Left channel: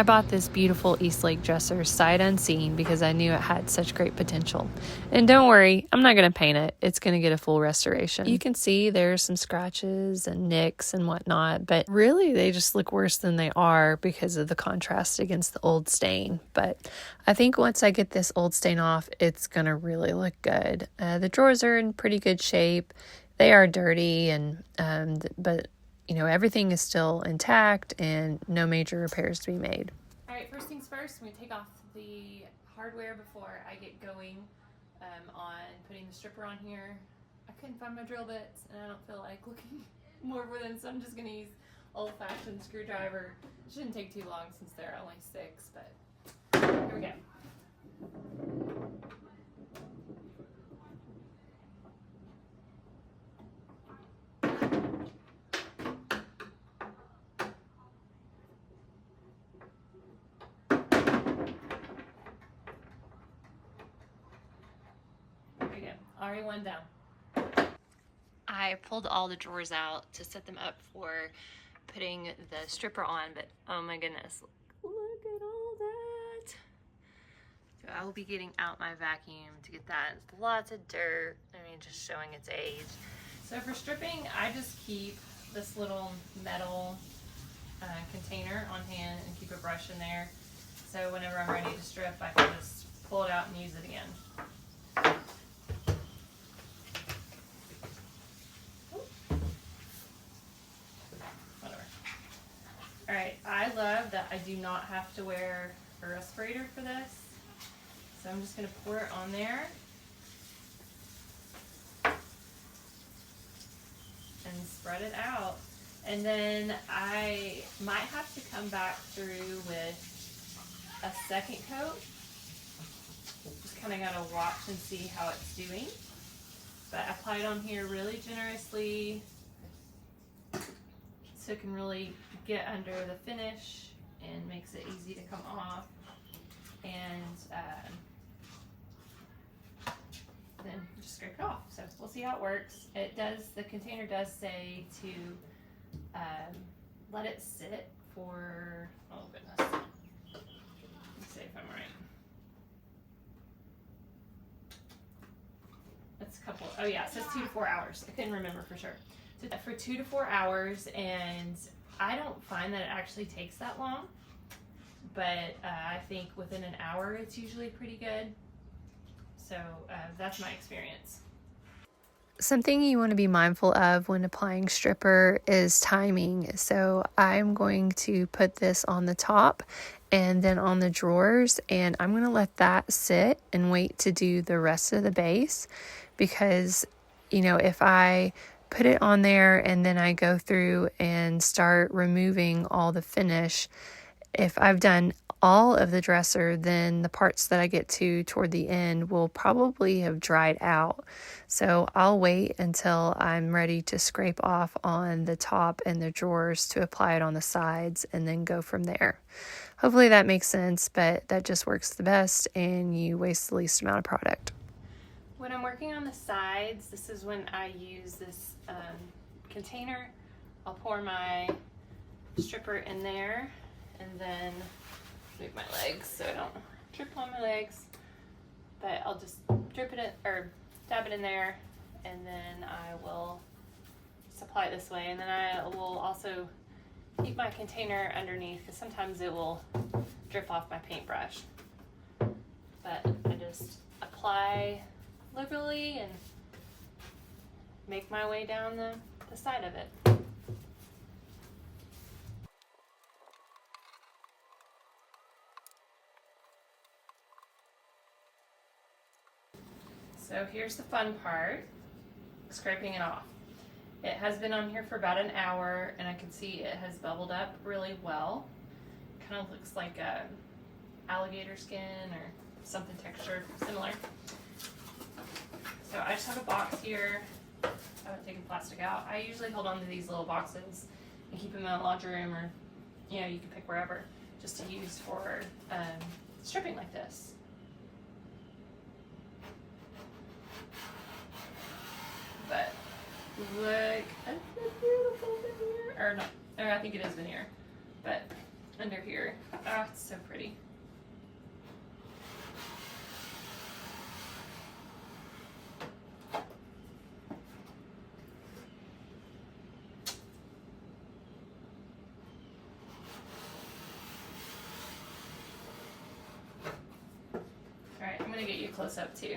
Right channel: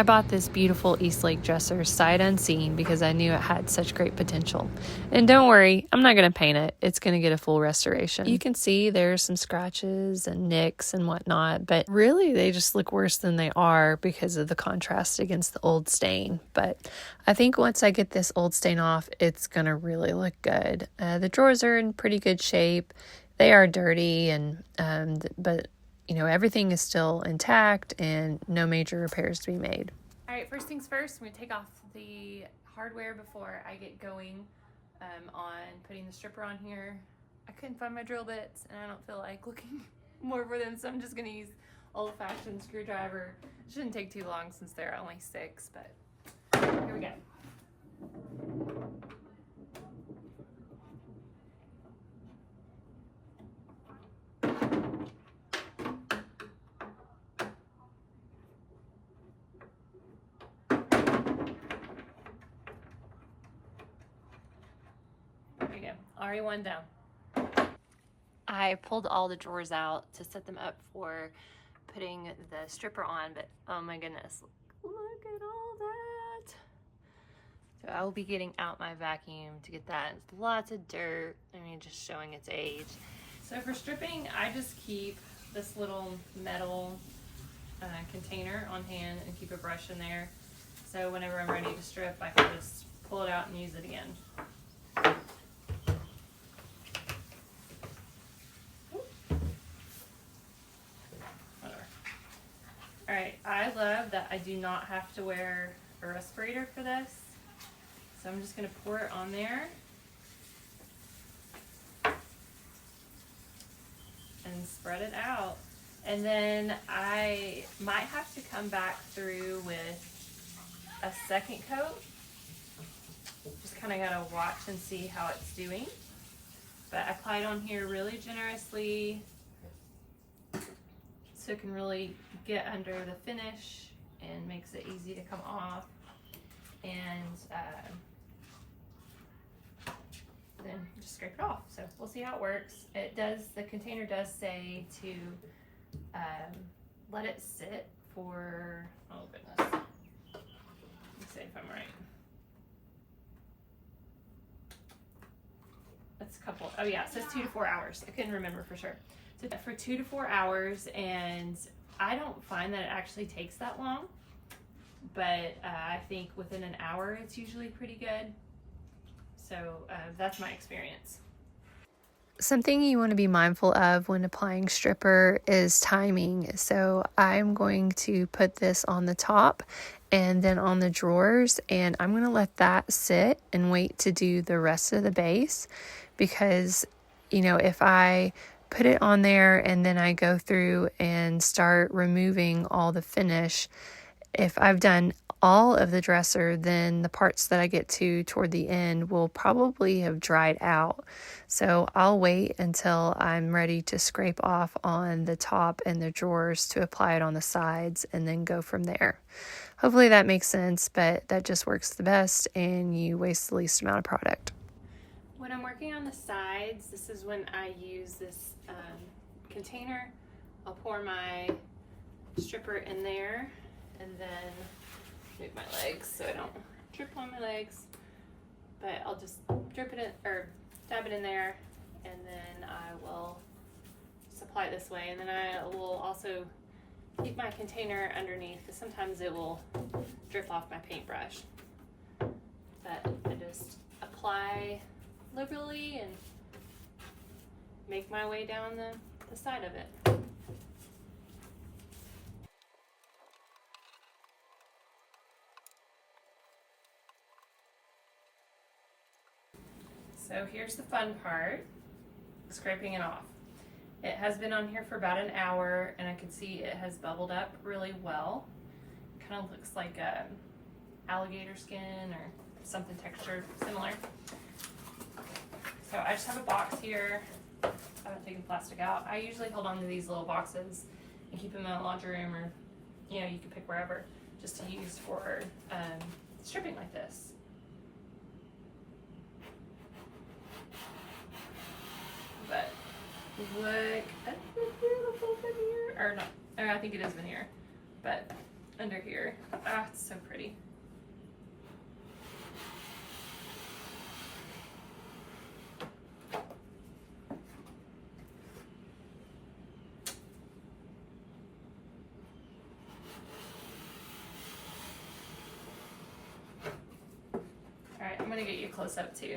I bought this beautiful Eastlake dresser sight unseen because I knew it had such great potential. And don't worry, I'm not going to paint it. It's going to get a full restoration. You can see there's some scratches and nicks and whatnot, but really they just look worse than they are because of the contrast against the old stain. But I think once I get this old stain off, it's going to really look good. The drawers are in pretty good shape. They are dirty, but you know, everything is still intact and no major repairs to be made. All right, first things first, I'm going to take off the hardware before I get going on putting the stripper on here. I couldn't find my drill bits and I don't feel like looking more for them, so I'm just going to use old-fashioned screwdriver. It shouldn't take too long since they're only 6, but here we go. Already one down. I pulled all the drawers out to set them up for putting the stripper on, but oh my goodness, look at all that. So I will be getting out my vacuum to get that. It's lots of dirt, I mean, just showing its age. So for stripping, I just keep this little metal container on hand and keep a brush in there. So whenever I'm ready to strip, I can just pull it out and use it again. All right, I love that I do not have to wear a respirator for this. So I'm just gonna pour it on there and spread it out. And then I might have to come back through with a second coat. Just kind of gotta watch and see how it's doing. But I apply it on here really generously so it can really get under the finish and makes it easy to come off. And then just scrape it off. So we'll see how it works. It does, the container does say to let it sit for, oh goodness, let me see if I'm right. It's a couple, oh yeah, it says 2 to 4 hours. I couldn't remember for sure. So for 2 to 4 hours, and I don't find that it actually takes that long, but I think within an hour it's usually pretty good. So that's my experience. Something you want to be mindful of when applying stripper is timing. So I'm going to put this on the top and then on the drawers, and I'm going to let that sit and wait to do the rest of the base, because, you know, if I put it on there and then I go through and start removing all the finish, if I've done all of the dresser, then the parts that I get to toward the end will probably have dried out. So I'll wait until I'm ready to scrape off on the top and the drawers to apply it on the sides and then go from there. Hopefully that makes sense, but that just works the best and you waste the least amount of product. When I'm working on the sides, this is when I use this container. I'll pour my stripper in there and then move my legs so I don't trip on my legs, but I'll just drip it or dab it in there, and then I will supply it this way, and then I will also keep my container underneath because sometimes it will drip off my paintbrush, but I just apply liberally and make my way down the side of it. So here's the fun part, scraping it off. It has been on here for about an hour and I can see it has bubbled up really well. Kind of looks like alligator skin or something textured similar. So I just have a box here. I haven't taken plastic out. I usually hold on to these little boxes and keep them in my laundry room, or you know, you can pick wherever, just to use for stripping like this. But look at the beautiful veneer, or not, or I think it is veneer, but under here. Ah, it's so pretty. All right, I'm gonna get you a close up too.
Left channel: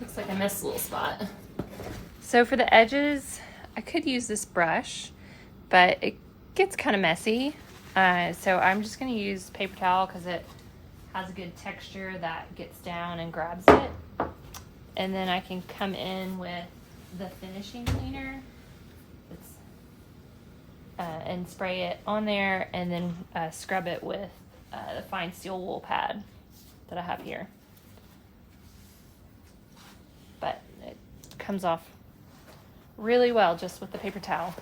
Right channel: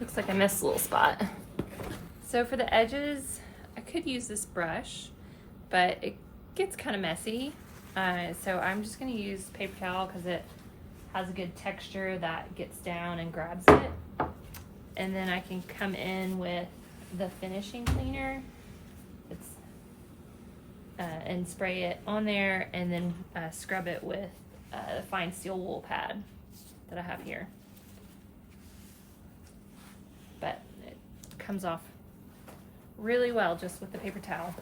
Looks like I missed a little spot. So for the edges, I could use this brush, but it gets kind of messy. So I'm just gonna use paper towel because it has a good texture that gets down and grabs it. And then I can come in with the finishing cleaner and spray it on there, and then scrub it with the fine steel wool pad that I have here. But it comes off really well just with the paper towel.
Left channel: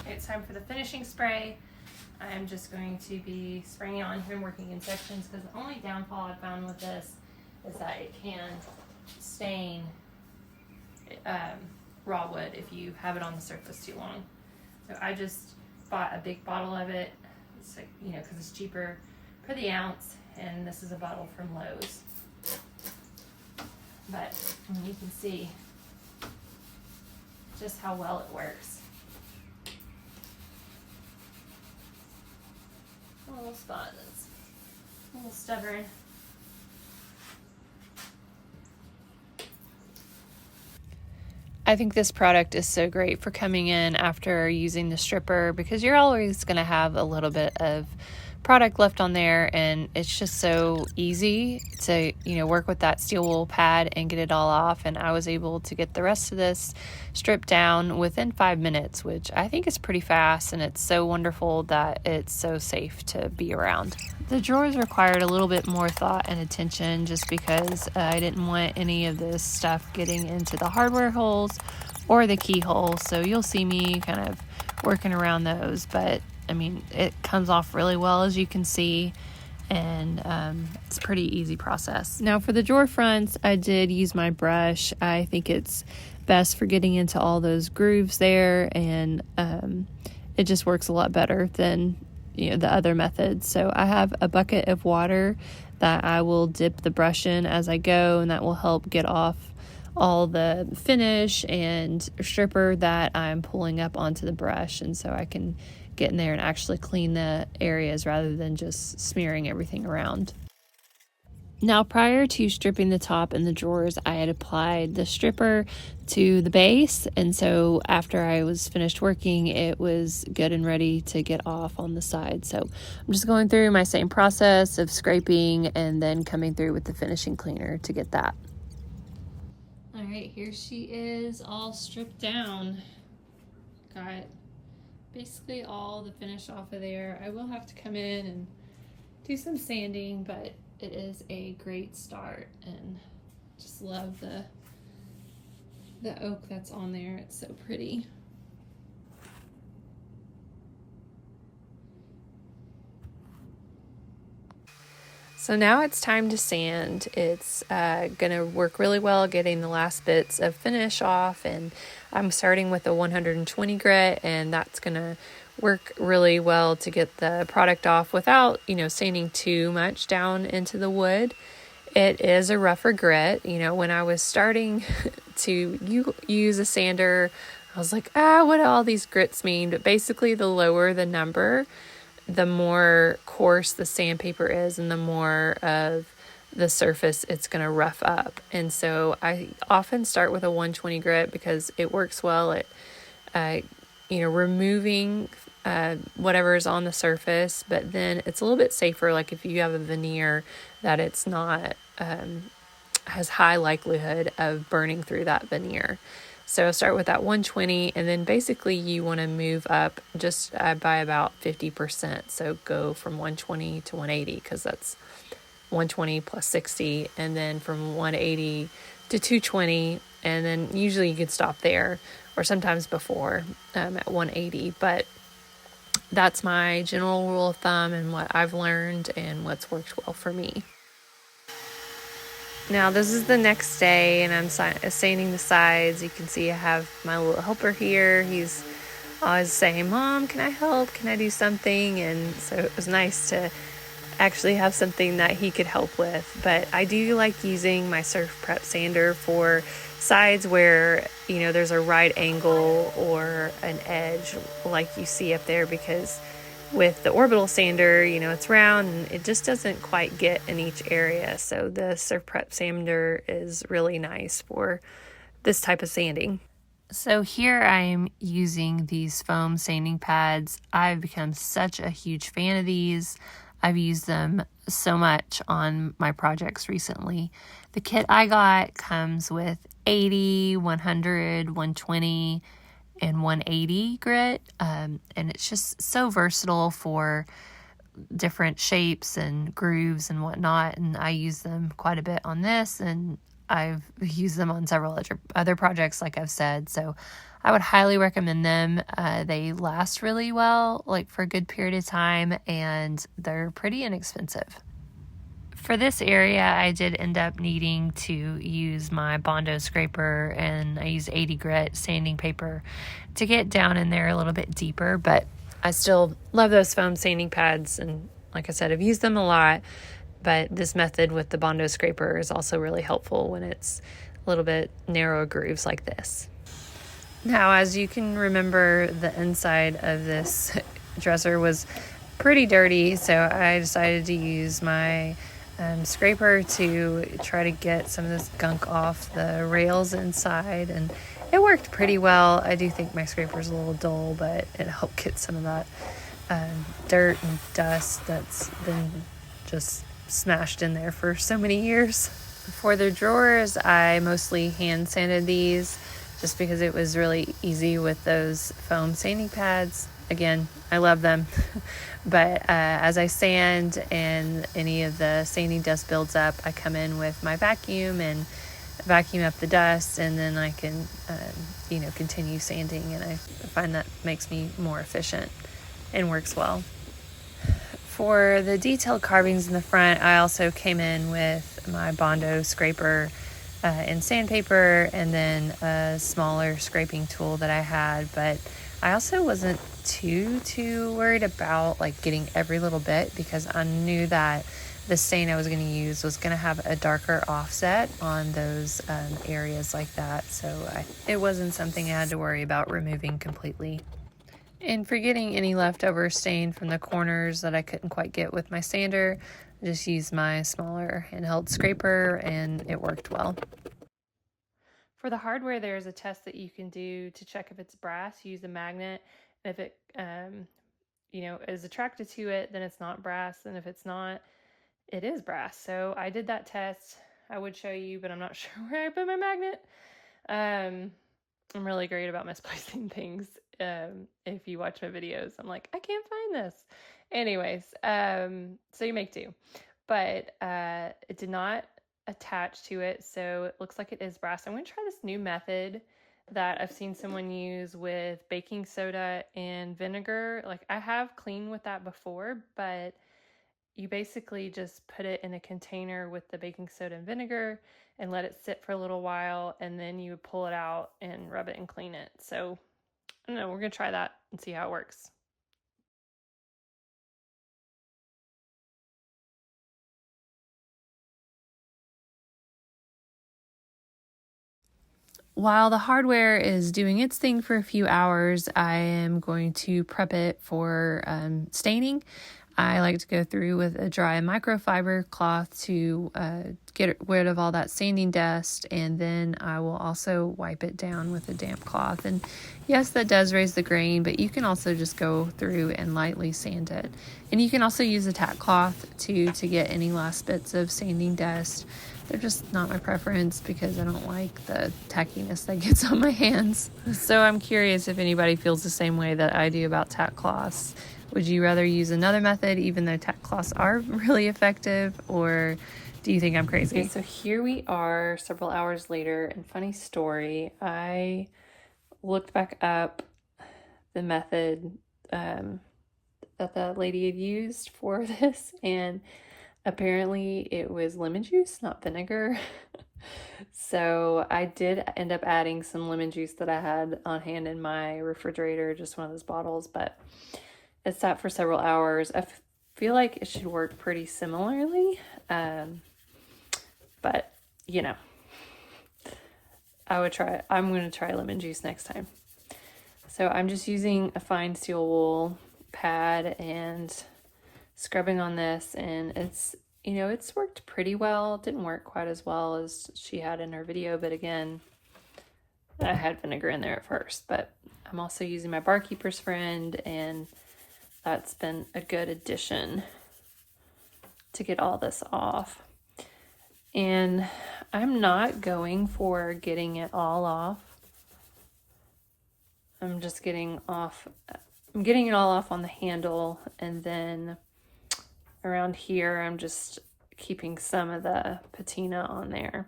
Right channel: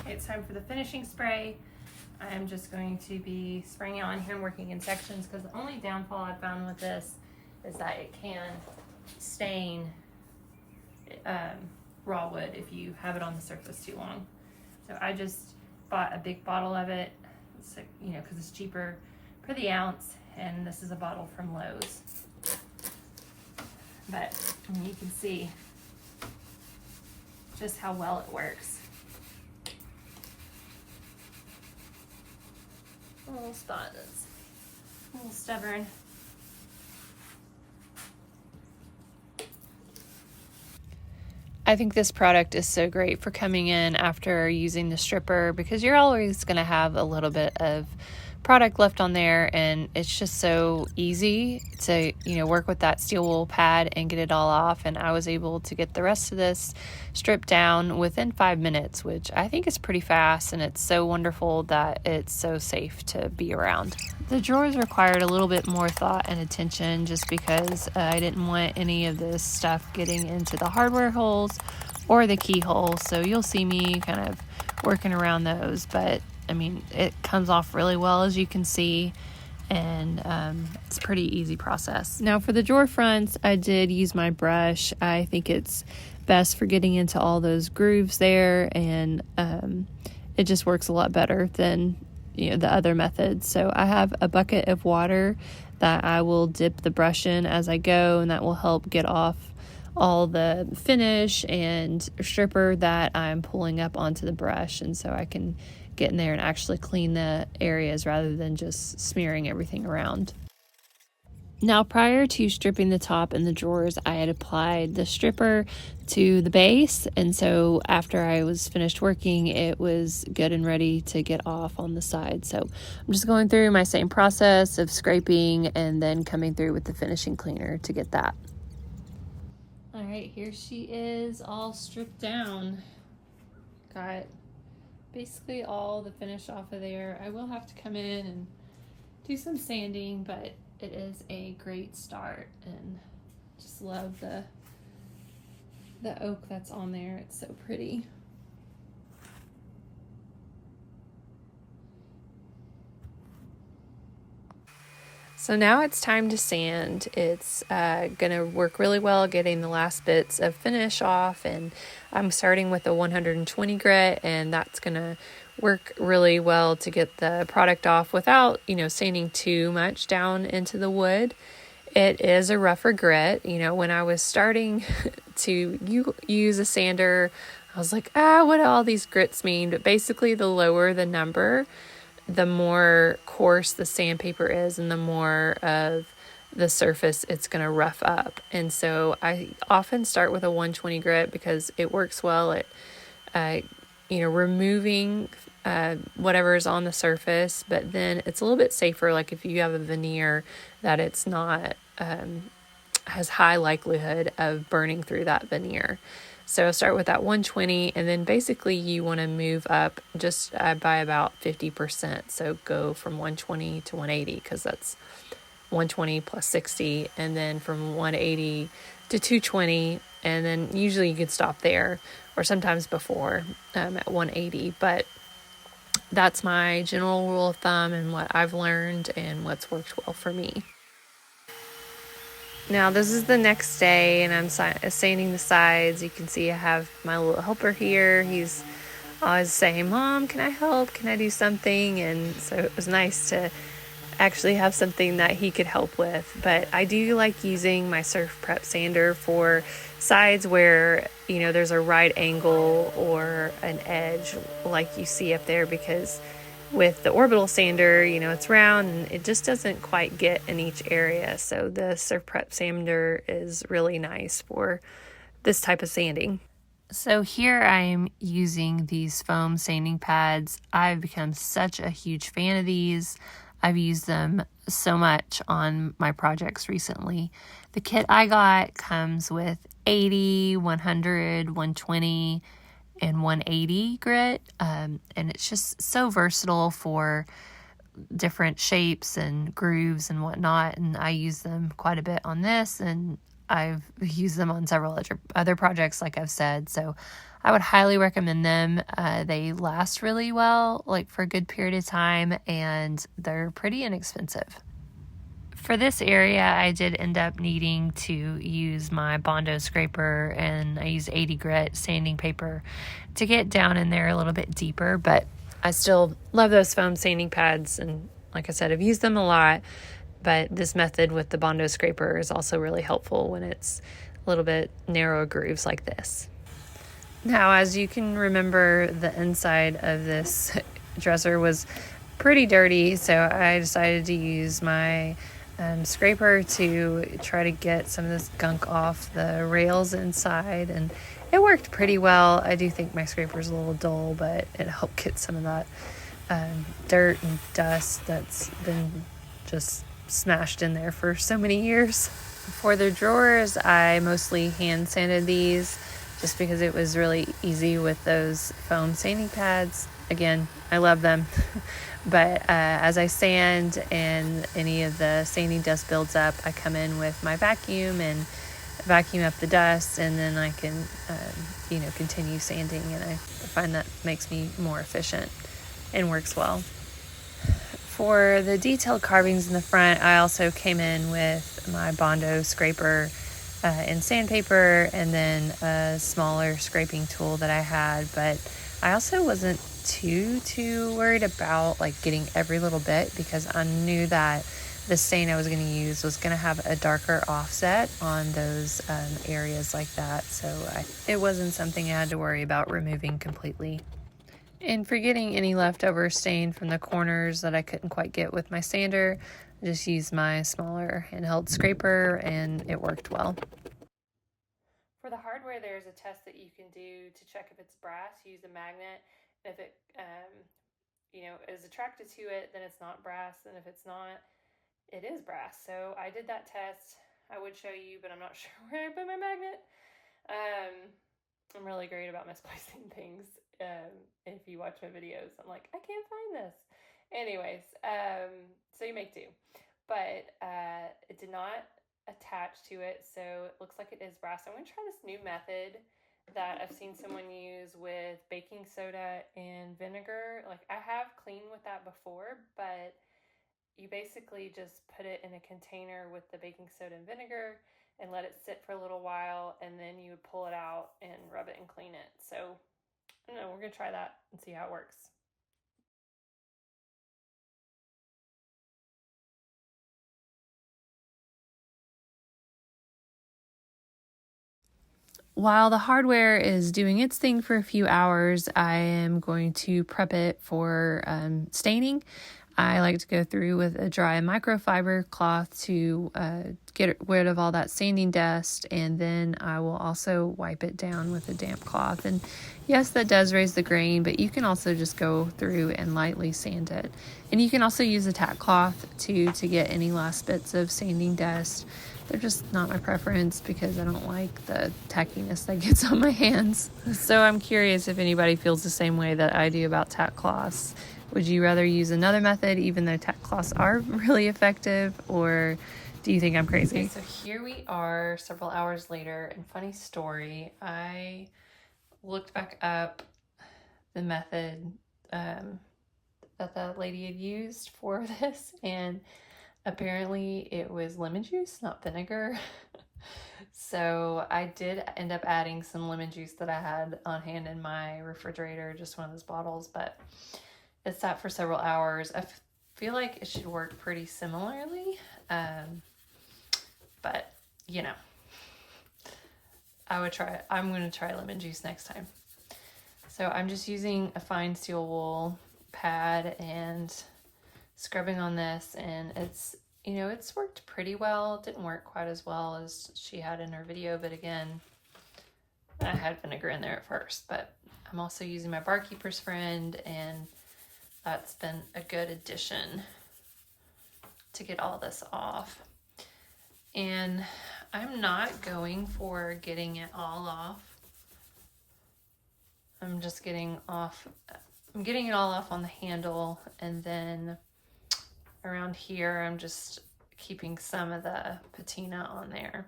Okay, it's time for the finishing spray. I'm just going to be spraying it on here and working in sections, because the only downfall I've found with this is that it can stain raw wood if you have it on the surface too long. So I just bought a big bottle of it, so, you know, because it's cheaper per the ounce, and this is a bottle from Lowe's. But you can see just how well it works. A little spot that's a little stubborn. I think this product is so great for coming in after using the stripper, because you're always going to have a little bit of product left on there, and it's just so easy to, you know, work with that steel wool pad and get it all off. And I was able to get the rest of this stripped down within 5 minutes, which I think is pretty fast, and it's so wonderful that it's so safe to be around. The drawers required a little bit more thought and attention, just because I didn't want any of this stuff getting into the hardware holes or the keyhole, so you'll see me kind of working around those. But I mean, it comes off really well, as you can see, and it's a pretty easy process. Now for the drawer fronts, I did use my brush. I think it's best for getting into all those grooves there, and it just works a lot better than, you know, the other methods. So I have a bucket of water that I will dip the brush in as I go, and that will help get off all the finish and stripper that I'm pulling up onto the brush, and so I can get in there and actually clean the areas rather than just smearing everything around. Now, prior to stripping the top and the drawers, I had applied the stripper to the base, and so after I was finished working, it was good and ready to get off on the side. So I'm just going through my same process of scraping and then coming through with the finishing cleaner to get that. All right, here she is, all stripped down. Got basically all the finish off of there. I will have to come in and do some sanding, but it is a great start, and just love the oak that's on there. It's so pretty. So now it's time to sand. It's gonna work really well getting the last bits of finish off, and I'm starting with a 120 grit, and that's gonna work really well to get the product off without, you know, sanding too much down into the wood. It is a rougher grit. You know, when I was starting to use a sander, I was like, what do all these grits mean? But basically, the lower the number, the more coarse the sandpaper is, and the more of the surface it's going to rough up. And so I often start with a 120 grit because it works well at, removing whatever is on the surface, but then it's a little bit safer. Like if you have a veneer, that it's not, has high likelihood of burning through that veneer. So start with that 120, and then basically you want to move up just by about 50%. So go from 120 to 180, because that's 120 plus 60, and then from 180 to 220, and then usually you could stop there, or sometimes before at 180. But that's my general rule of thumb and what I've learned and what's worked well for me. Now this is the next day, and I'm sanding the sides. You can see I have my little helper here. He's always saying, "Mom, can I help? Can I do something?" And so it was nice to actually have something that he could help with. But I do like using my Surf Prep sander for sides where, you know, there's a right angle or an edge like you see up there, because with the orbital sander, you know, it's round and it just doesn't quite get in each area. So the Surf Prep sander is really nice for this type of sanding. So here I'm using these foam sanding pads. I've become such a huge fan of these. I've used them so much on my projects recently. The kit I got comes with 80, 100, 120, and 180 grit, and it's just so versatile for different shapes and grooves and whatnot, and I use them quite a bit on this, and I've used them on several other projects, like I've said, so I would highly recommend them. They last really well, like for a good period of time, and they're pretty inexpensive. For this area, I did end up needing to use my Bondo scraper, and I used 80 grit sanding paper to get down in there a little bit deeper, but I still love those foam sanding pads, and like I said, I've used them a lot, but this method with the Bondo scraper is also really helpful when it's a little bit narrow grooves like this. Now, as you can remember, the inside of this dresser was pretty dirty, so I decided to use my scraper to try to get some of this gunk off the rails inside, and it worked pretty well. I do think my scraper's a little dull, but it helped get some of that dirt and dust that's been just smashed in there for so many years. For the drawers, I mostly hand sanded these just because it was really easy with those foam sanding pads. Again, I love them. But as I sand and any of the sanding dust builds up, I come in with my vacuum and vacuum up the dust, and then I can, continue sanding. And I find that makes me more efficient and works well. For the detailed carvings in the front, I also came in with my Bondo scraper and sandpaper, and then a smaller scraping tool that I had. But I also wasn't too worried about like getting every little bit, because I knew that the stain I was going to use was going to have a darker offset on those areas like that. So it wasn't something I had to worry about removing completely. And for getting any leftover stain from the corners that I couldn't quite get with my sander, I just used my smaller handheld scraper, and it worked well. For the hardware, there's a test that you can do to check if it's brass. You use a magnet. If it is attracted to it, then it's not brass, and if it's not, it is brass. So I did that test. I would show you, but I'm not sure where I put my magnet. I'm really great about misplacing things. If you watch my videos, I'm like, I can't find this. Anyways, so you make do. But it did not attach to it, so it looks like it is brass. I'm going to try this new method that I've seen someone use with baking soda and vinegar. Like, I have cleaned with that before, but you basically just put it in a container with the baking soda and vinegar and let it sit for a little while, and then you pull it out and rub it and clean it. So I don't know, we're gonna try that and see how it works. While the hardware is doing its thing for a few hours, I am going to prep it for staining. I like to go through with a dry microfiber cloth to get rid of all that sanding dust, and then I will also wipe it down with a damp cloth. And yes, that does raise the grain, but you can also just go through and lightly sand it. And you can also use a tack cloth to get any last bits of sanding dust. They're just not my preference because I don't like the tackiness that gets on my hands. So I'm curious if anybody feels the same way that I do about tack cloths. Would you rather use another method even though tack cloths are really effective, or do you think I'm crazy? Okay, so here we are several hours later, and funny story, I looked back up the method that the lady had used for this, and apparently it was lemon juice, not vinegar. So I did end up adding some lemon juice that I had on hand in my refrigerator, just one of those bottles, but it sat for several hours. I feel like it should work pretty similarly, but you know, I'm going to try lemon juice next time. So I'm just using a fine steel wool pad and scrubbing on this, and it's, you know, it's worked pretty well. It didn't work quite as well as she had in her video, but again, I had vinegar in there at first. But I'm also using my Barkeeper's Friend, and that's been a good addition to get all this off. And I'm not going for getting it all off. I'm just getting it all off on the handle, and then around here I'm just keeping some of the patina on there.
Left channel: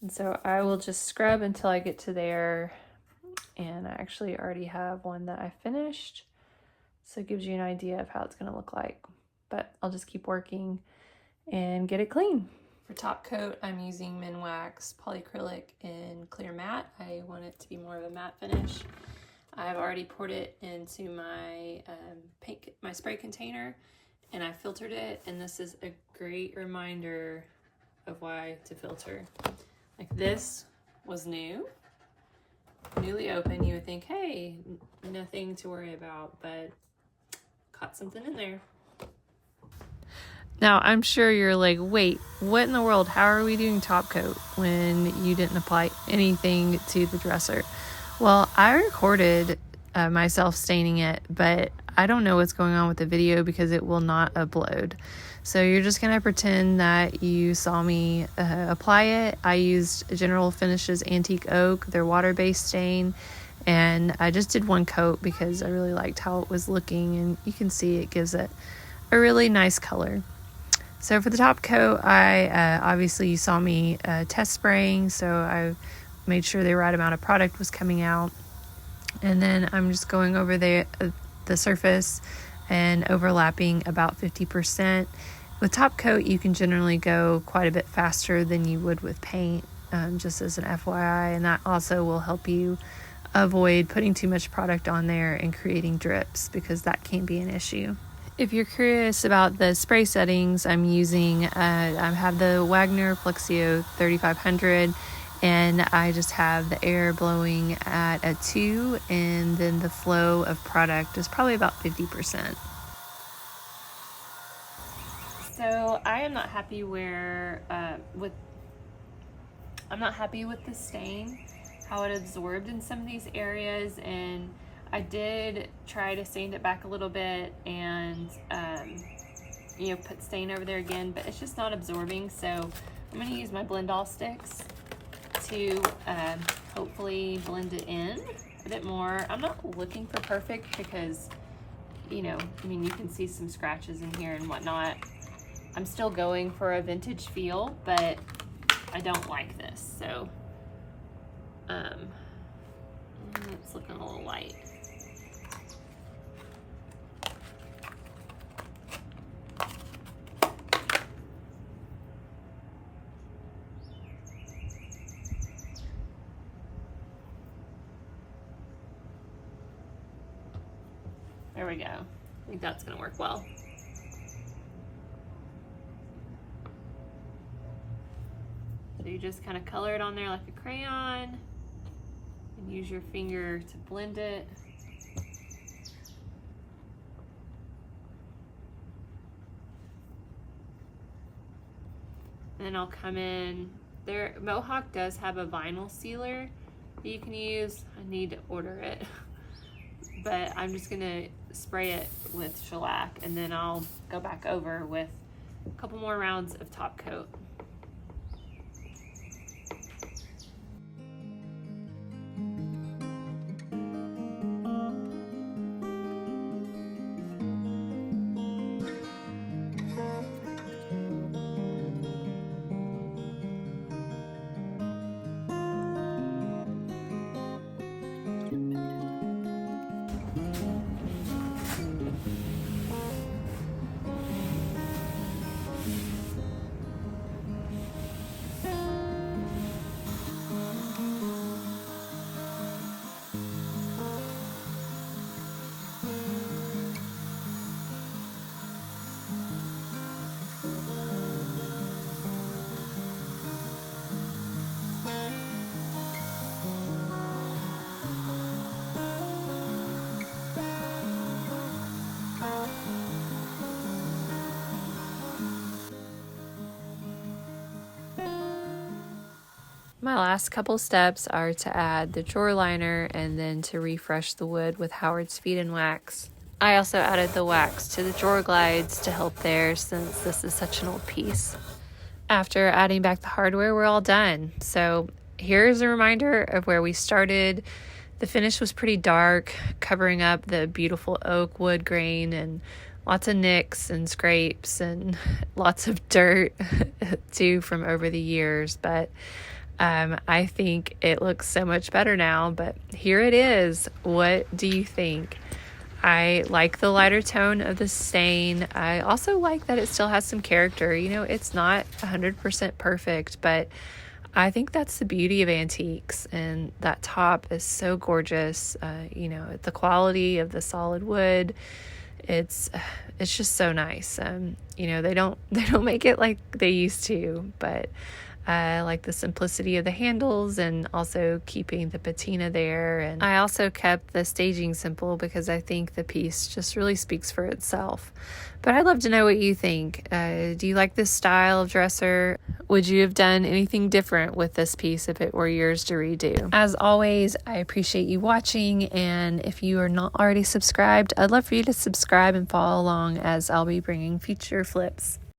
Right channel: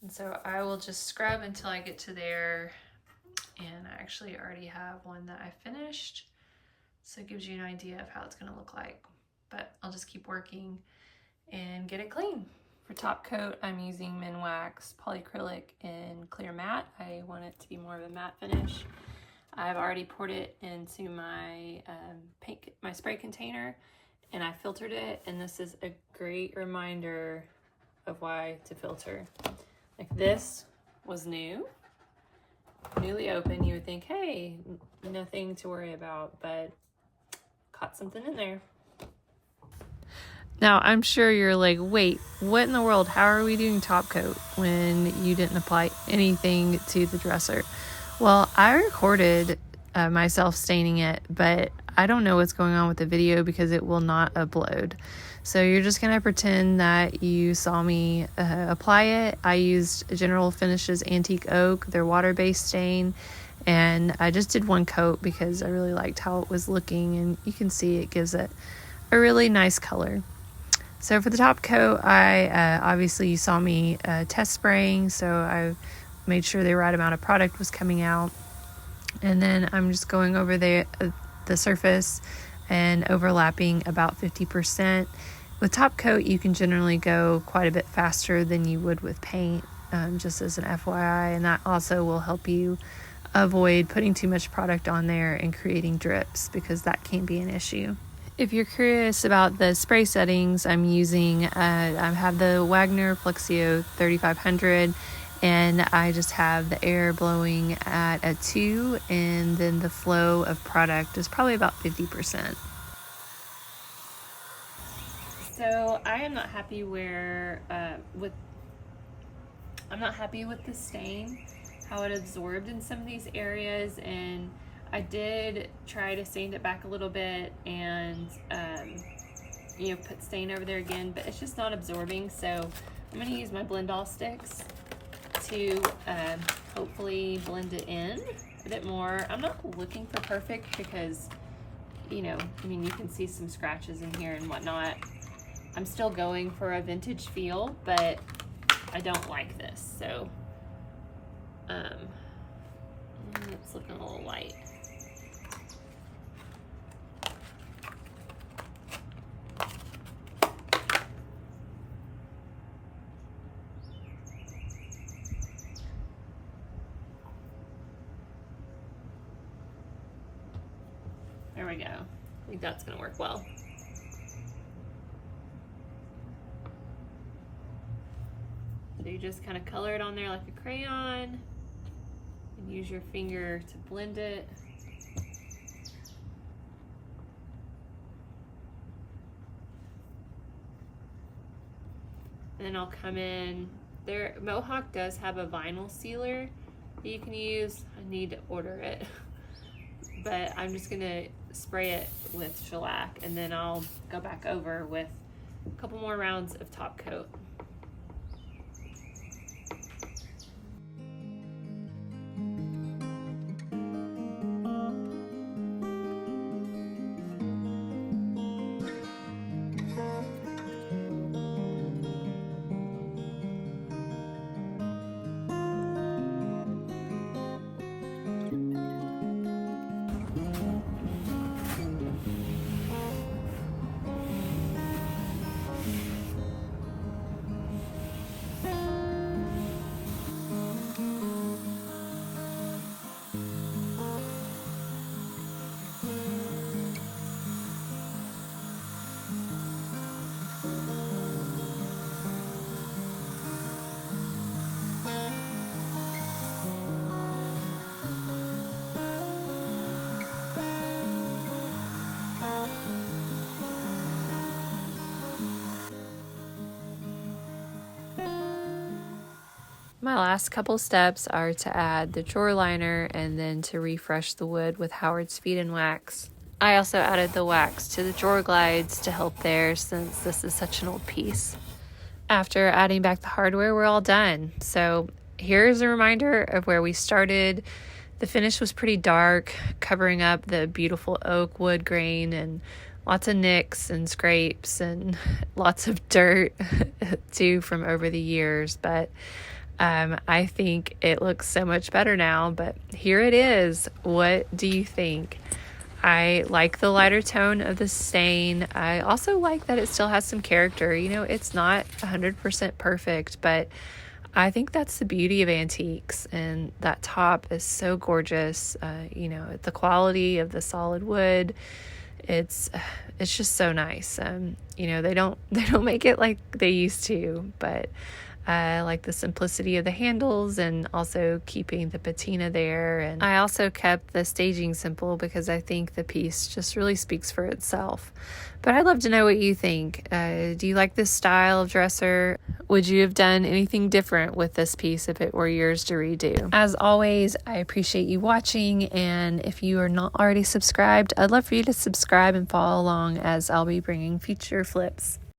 And so I will just scrub until I get to there, and I actually already have one that I finished, so it gives you an idea of how it's going to look like. But I'll just keep working and get it clean. For top coat, I'm using Minwax Polyacrylic in Clear Matte. I want it to be more of a matte finish. I've already poured it into my my spray container, and I filtered it, and this is a great reminder of why to filter. Like, this was newly open. You would think, hey, nothing to worry about, but caught something in there. Now, I'm sure you're like, wait, what in the world? How are we doing top coat when you didn't apply anything to the dresser? Well, I recorded myself staining it, but I don't know what's going on with the video because it will not upload. So you're just going to pretend that you saw me apply it. I used General Finishes Antique Oak, their water-based stain, and I just did one coat because I really liked how it was looking, and you can see it gives it a really nice color. So for the top coat, I obviously you saw me test spraying, so I made sure the right amount of product was coming out. And then I'm just going over the surface and overlapping about 50%. With top coat, you can generally go quite a bit faster than you would with paint, just as an FYI, and that also will help you avoid putting too much product on there and creating drips, because that can be an issue. If you're curious about the spray settings, I'm using, I have the Wagner Flexio 3500, and I just have the air blowing at a 2, and then the flow of product is probably about 50%. So I am not happy I'm not happy with the stain, how it absorbed in some of these areas, and I did try to sand it back a little bit and you know, put stain over there again, but it's just not absorbing. So I'm going to use my blend all sticks to hopefully blend it in a bit more. I'm not looking for perfect because, you know, I mean, you can see some scratches in here and whatnot. I'm still going for a vintage feel, but I don't like this. So it's looking a little light. There we go. I think that's gonna work well. So you just kind of color it on there like a crayon and use your finger to blend it. And then I'll come in there. Mohawk does have a vinyl sealer that you can use. I need to order it. But I'm just gonna spray it with shellac, and then I'll go back over with a couple more rounds of top coat. My last couple steps are to add the drawer liner and then to refresh the wood with Howard's Feed and Wax. I also added the wax to the drawer glides to help there since this is such an old piece. After adding back the hardware, we're all done. So here's a reminder of where we started. The finish was pretty dark, covering up the beautiful oak wood grain and lots of nicks and scrapes and lots of dirt too from over the years. But I think it looks so much better now. But here it is. What do you think? I like the lighter tone of the stain. I also like that it still has some character. You know, it's not 100% perfect, but I think that's the beauty of antiques, and that top is so gorgeous. You know, the quality of the solid wood, it's just so nice. You know, they don't make it like they used to, but I like the simplicity of the handles and also keeping the patina there. And I also kept the staging simple because I think the piece just really speaks for itself. But I'd love to know what you think. Do you like this style of dresser? Would you have done anything different with this piece if it were yours to redo? As always, I appreciate you watching. And if you are not already subscribed, I'd love for you to subscribe and follow along as I'll be bringing future flips.